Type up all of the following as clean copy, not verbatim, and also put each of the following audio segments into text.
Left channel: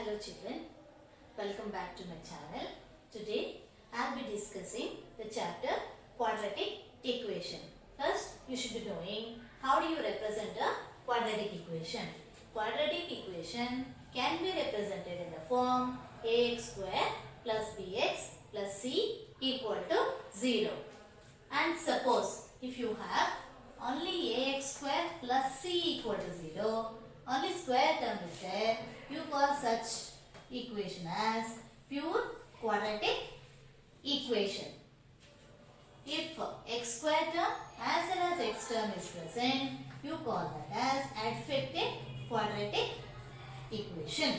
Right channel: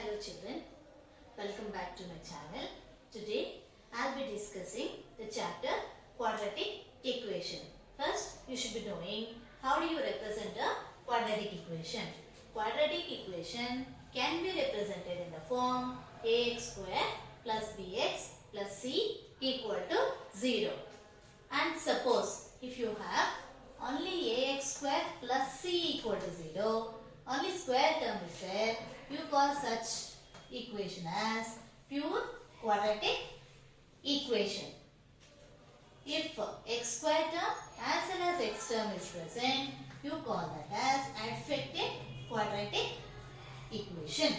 Hello children, welcome back to my channel. Today I will be discussing the chapter Quadratic Equation. First you should be knowing how do you represent a quadratic equation. Quadratic equation can be represented in the form ax square plus bx plus c equal to 0. And suppose if you have only ax square plus c equal to 0, only square term is there, you call such equation as pure quadratic equation. If x square term as well as x term is present, you call that as affected quadratic equation.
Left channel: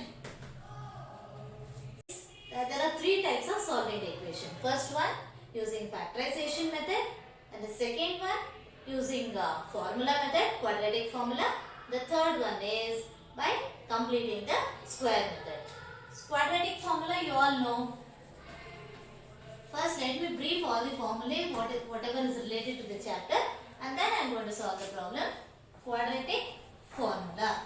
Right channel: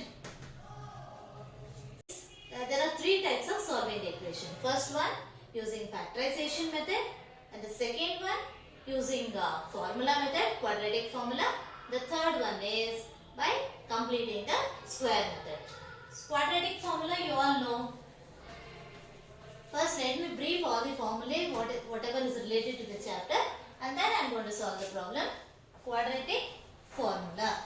There are three types of solving the equation. First one using factorization method, and the second one using formula method, quadratic formula. The third one is by completing the square method. Quadratic formula you all know. First let me brief all the formulae, whatever is related to the chapter, and then I am going to solve the problem. Quadratic formula.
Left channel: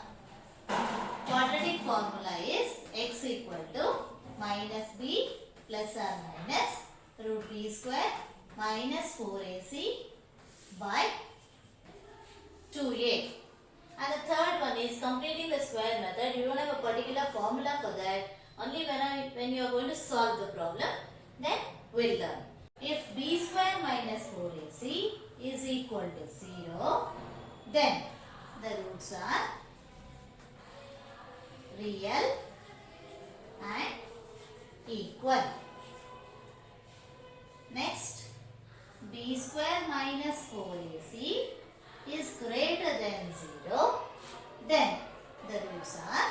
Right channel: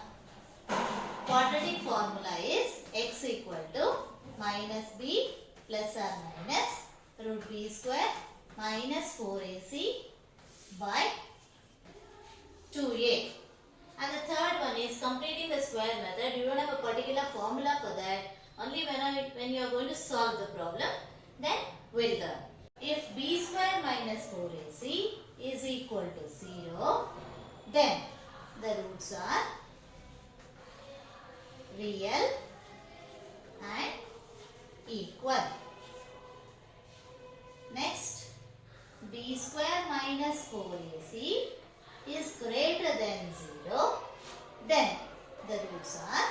Quadratic formula is x equal to minus b plus or minus root b square minus 4ac by 2a. And the third one is completing the square method. You don't have a particular formula for that. Only when you are going to solve the problem, then we'll learn. If b square minus 4ac is equal to 0, then the roots are real and equal. Next, b square minus 4ac is greater than 0, then the roots are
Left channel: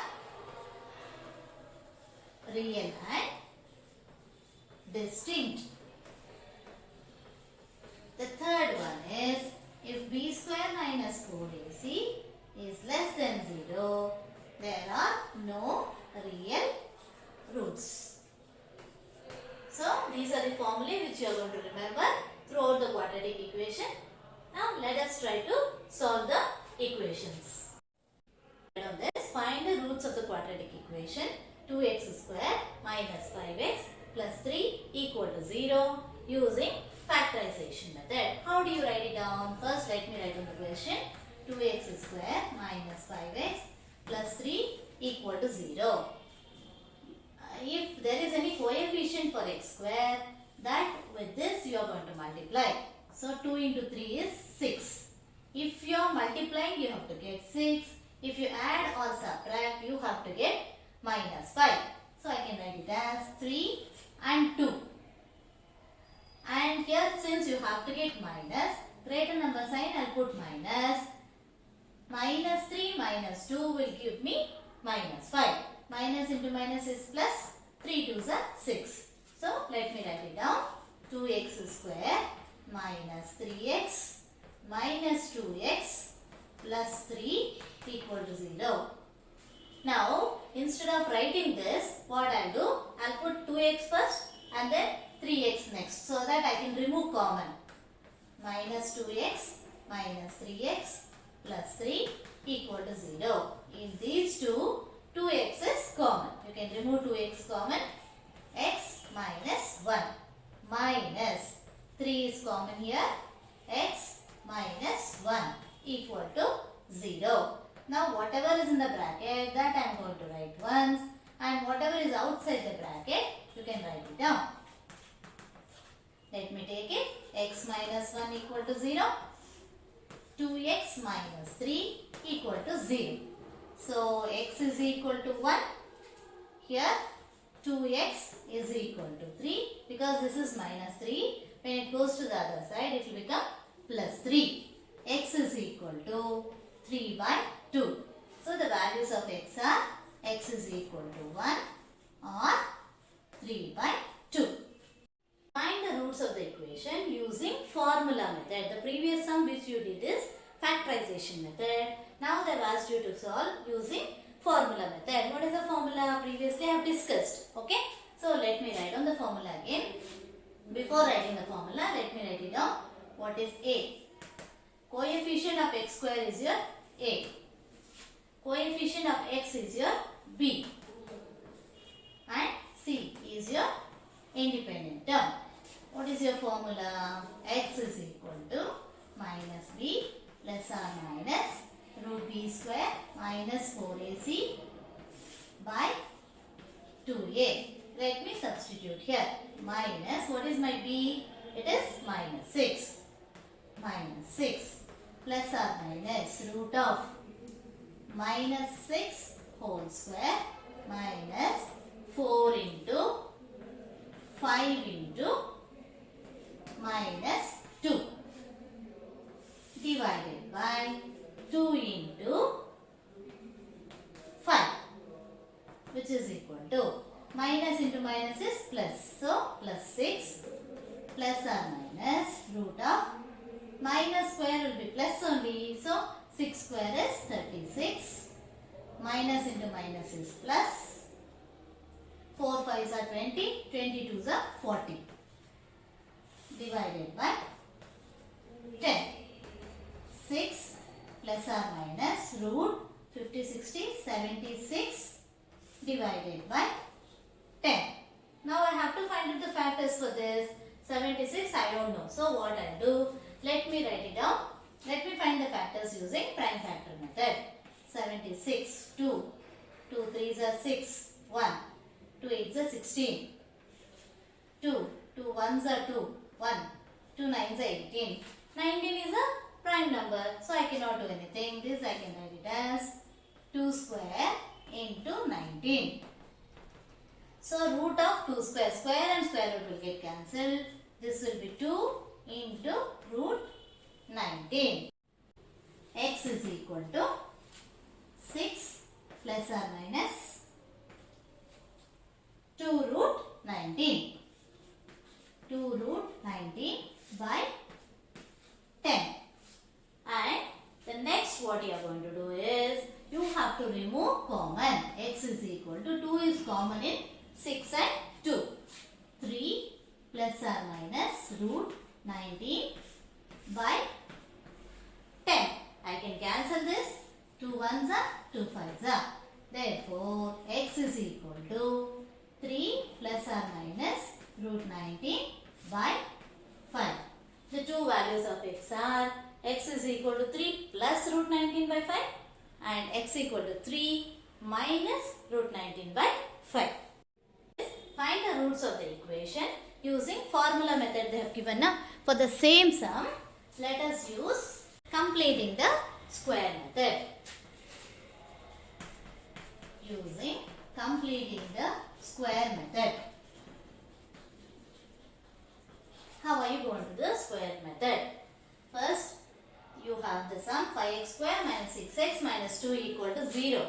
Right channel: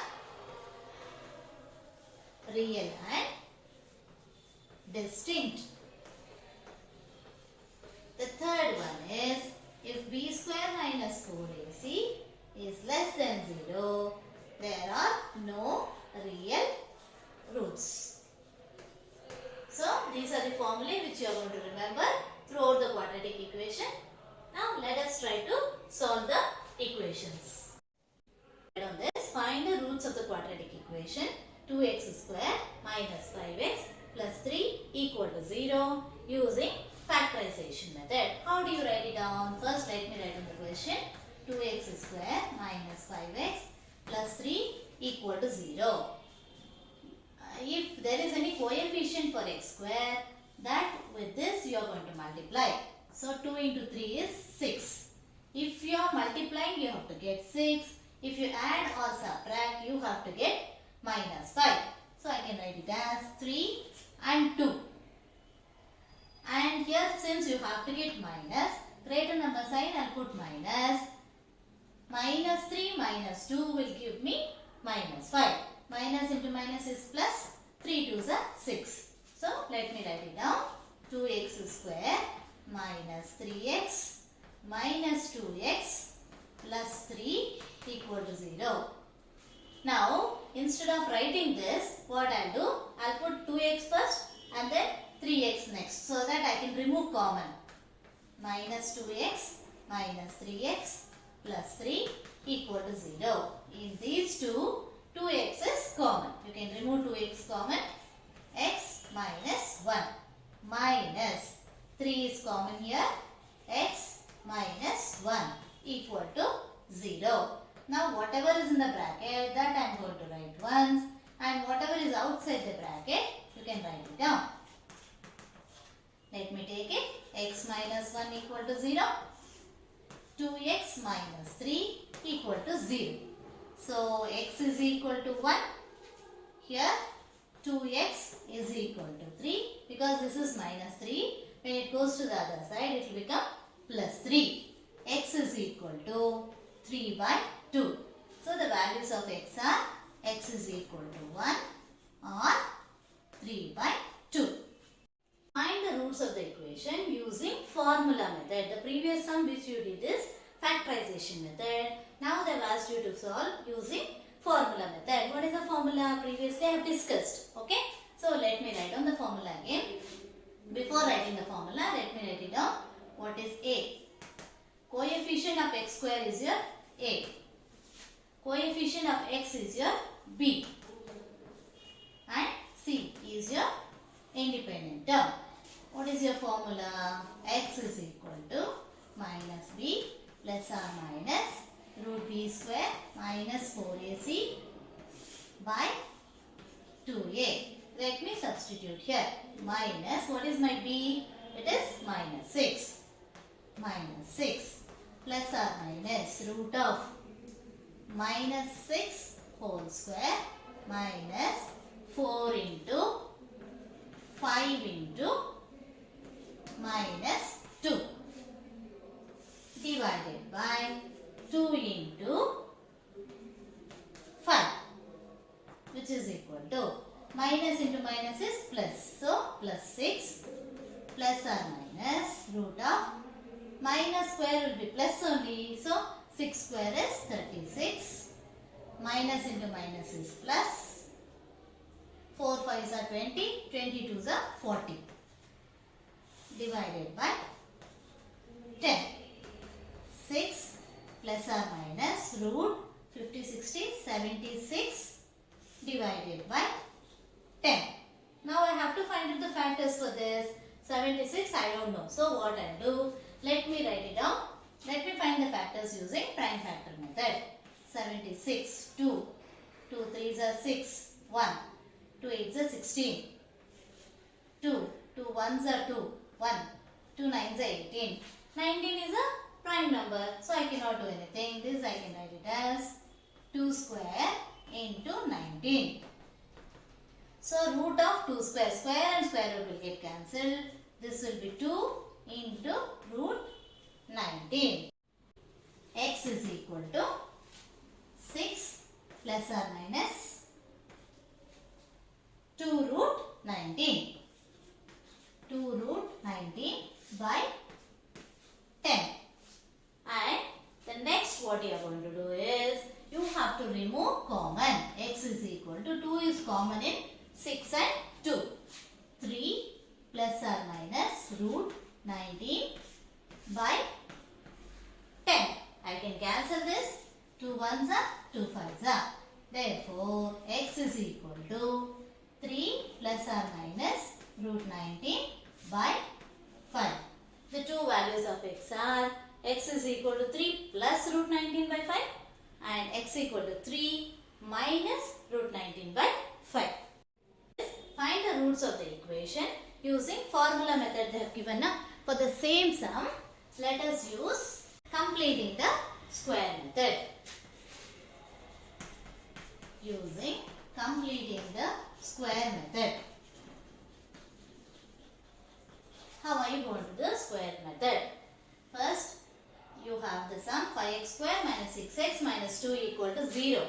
real and distinct. The third one is if b square minus 4ac is less than 0, there are no real roots. So these are the formulae which you are going to remember throughout the quadratic equation. Now let us try to solve the equations. On this, find the roots of the quadratic equation. 2x square minus 5x plus 3 equal to 0 using factorization method. How do you write it down? First let me write on the question. 2x square minus 5x plus 3 equal to 0. If there is any coefficient for x square, that with this you are going to multiply. So 2 into 3 is 6. If you are multiplying, you have to get 6. If you add or subtract, you have to get minus 5. So I can write it as 3 and 2. And here since you have to get minus, greater number sign I will put minus. Minus 3 minus 2 will give me minus 5. Minus into minus is plus. 3 2s are 6. So let me write it down. 2x square minus 3x minus 2x plus 3 equal to 0. Now, instead of writing this, what I'll do, I'll put 2x first and then 3x next so that I can remove common. Minus 2x minus 3x plus 3 equal to 0. In these two, 2x is common. You can remove 2x common. X minus 1 minus 3 is common here. X minus 1 equal to 0. Now whatever is in the bracket, that I am going to write once, and whatever is outside the bracket, you can write it down. Let me take it. X minus 1 equal to 0. 2x minus 3 equal to 0. So x is equal to 1. Here 2x is equal to 3 because this is minus 3. When it goes to the other side, it will become plus 3. X is equal to 3 by 2. So the values of x are x is equal to 1 or 3 by 2. Find the roots of the equation using formula method. The previous sum which you did is factorization method. Now they have asked you to solve using formula method. What is the formula? Previously I have discussed. Okay. So let me write on the formula again. Before writing the formula, let me write it down. What is A? Coefficient of x square is your A. Coefficient of x is your b. independent term. What is your formula? X is equal to minus b plus or minus root b square minus 4ac by 2a. Let me substitute here. Minus, what is my b? It is minus 6. Minus 6 plus or minus root of minus 6 whole square minus 4 into 5 into minus 2 divided by 2 into 5, which is equal to minus into minus is plus. So plus 6 plus or minus root of minus square will be plus only. So 6 square is 36. Minus into minus is plus. 4 5s are 20. 22s are 40. Divided by 10. 6 plus or minus root 50 60 76 divided by 10. Now I have to find out the factors for this. 76 I don't know. So what I'll do, let me write it down. Let me find the factors using prime factor method. 76, 2, 2 3s are 6, 1, 2 8s are 16, 2, 2 1s are 2, 1, 2 9s are 18. 19 is a prime number, so I cannot do anything. This I can write it as 2 square into 19. So root of 2 square, square and square root will get cancelled. This will be 2 into root 19. X is equal to 6 plus or minus 2 root 19. 2 root 19 by 10. And the next what you are going to do is, you have to remove common. X is equal to 2 is common in 6 and 2. 3 plus or minus root 19 by 10. I can cancel this. 2 1s are 2 5s are. Therefore, x is equal to 3 plus or minus root 19 by 5. The two values of x are x is equal to 3 plus root 19 by 5 and x equal to 3 minus root 19 by 5. Find the roots of the equation using formula method they have given now. For the same sum, let us use completing the square method. Using completing the square method. How are you going to do the square method? First, you have the sum 5x square minus 6x minus 2 equal to 0.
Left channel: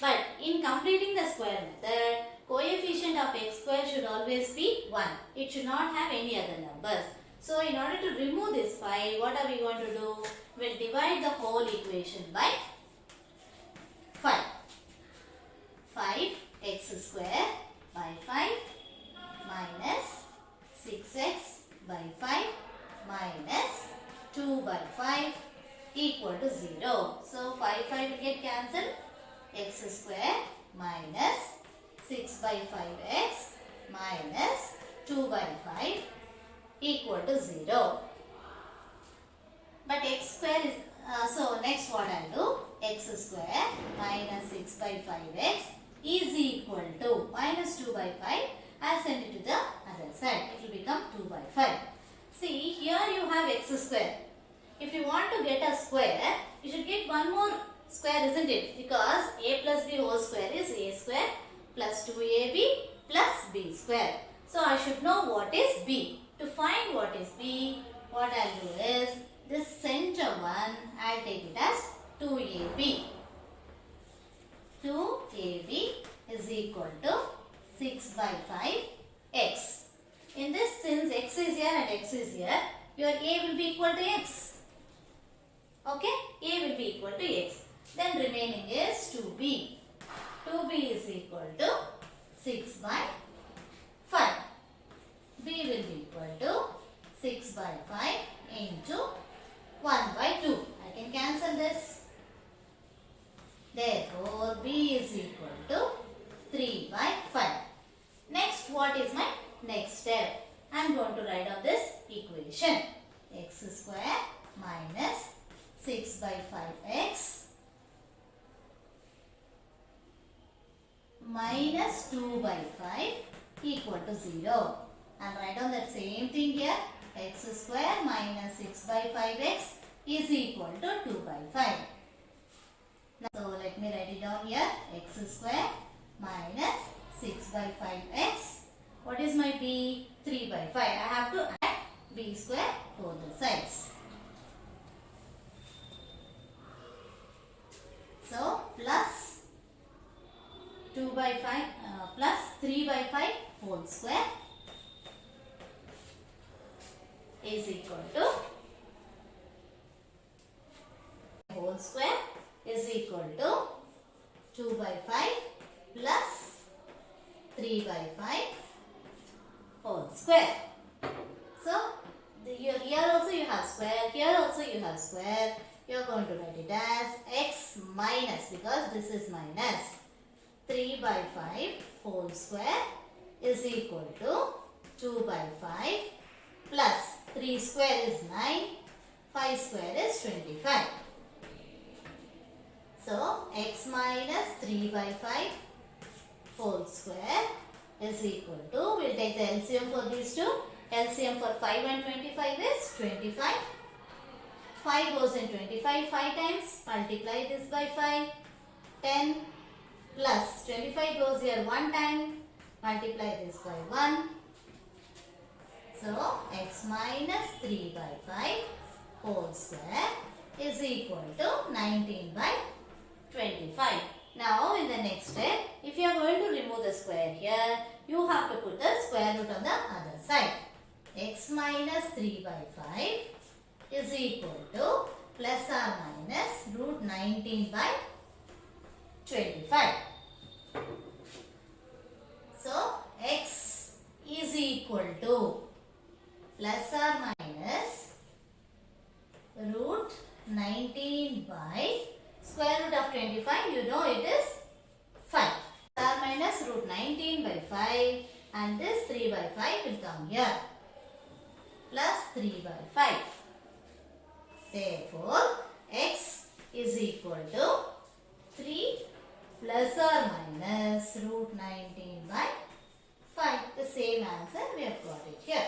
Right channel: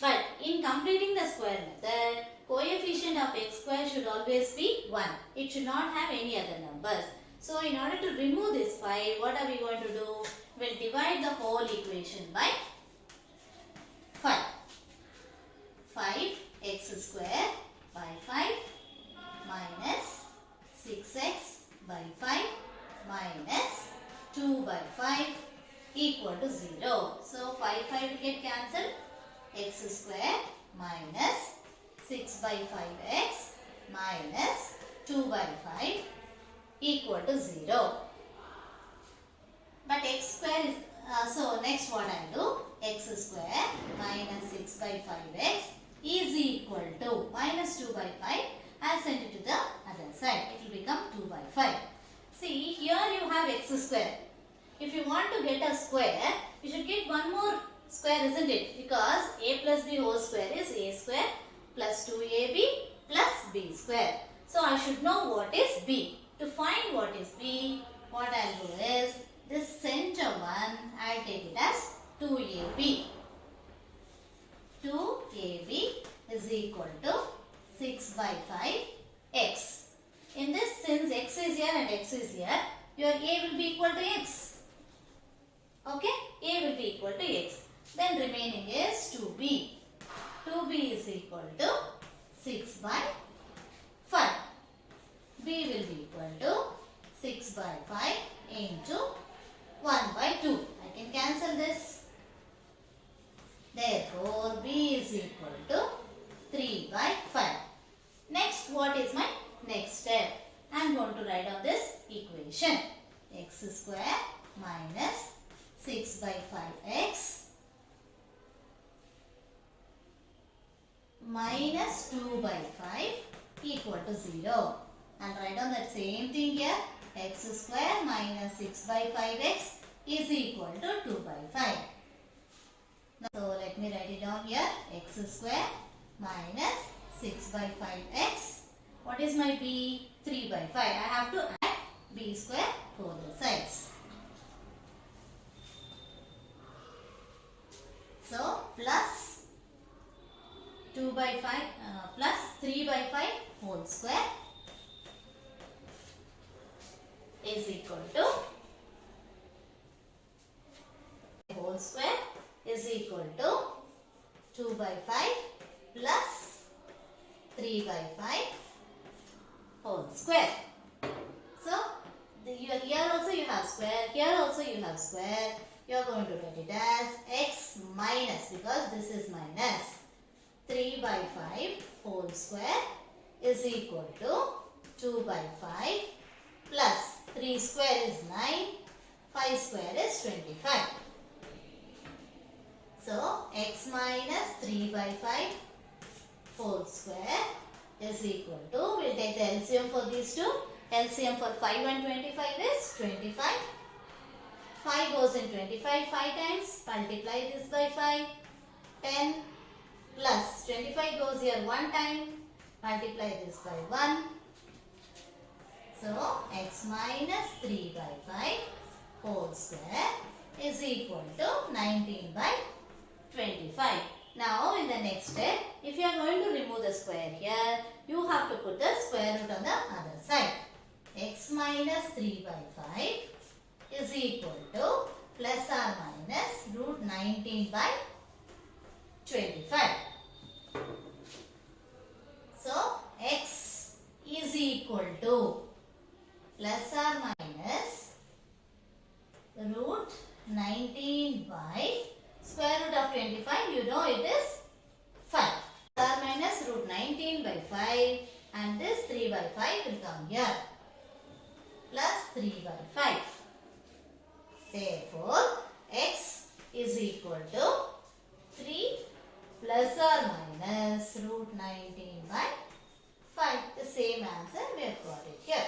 But in completing the square method, coefficient of x square should always be 1. It should not have any other numbers. So in order to remove this 5, what are we going to do? We will divide the whole equation by 5. 5x square by 5 minus 6x by 5 minus 2 by 5 equal to 0. So 5 will get cancelled. X square minus 6 by 5x minus 2 by 5 equal to 0. But x square is, so next what I will do, x square minus 6 by 5x is equal to minus 2 by 5. I will send it to the other side. It will become 2 by 5. See, here you have x square. If you want to get a square, you should get one more square, isn't it? Because a plus b whole square is a square plus 2ab plus b square. So I should know what is b. To find what is b, what I will do is, this center one, I will take it as 2ab. 2ab is equal to 6 by 5x. In this, since x is here and x is here, your a will be equal to x. Okay? A will be equal to x. Then remaining is 2b. 2b is equal to 6 by 5. B will be equal to 6 by 5 into 1 by 2. I can cancel this. Therefore, B is equal to 3 by 5. Next, what is my next going to write down this equation. X square minus 6 by 5x minus 2 by 5 equal to 0. And write down that same thing here. X square minus 6 by 5x is equal to 2 by 5. Now, so let me write it down here. X square minus 6 by 5x. What is my b? 3 by 5. I have to add b square both the sides. So plus 2 by 5 plus 3 by 5 whole square is equal to whole square is equal to 2 by 5 plus 3 by 5 whole square. So here also you have square, here also you have square. You are going to write it as x minus, because this is minus, 3 by 5 whole square is equal to 2 by 5 plus 3 square is 9, 5 square is 25. So x minus 3 by 5 whole square is equal to, we will take the LCM for these two. LCM for 5 and 25 is 25. 5 goes in 25 5 times. Multiply this by 5. 10 plus 25 goes here 1 time. Multiply this by 1. So x minus 3 by 5 whole square is equal to 19 by 25. Now in the next step, if you are going to remove the square here, you have to put the square root on the other side. X minus 3 by 5 is equal to plus or minus root 19 by 25. So x is equal to plus or minus root 19 by square root of 25, you know it is 5. Plus or minus root 19 by 5, and this 3 by 5 will come here. Plus 3 by 5. Therefore, x is equal to 3 plus or minus root 19 by 5. The same answer we have got it here.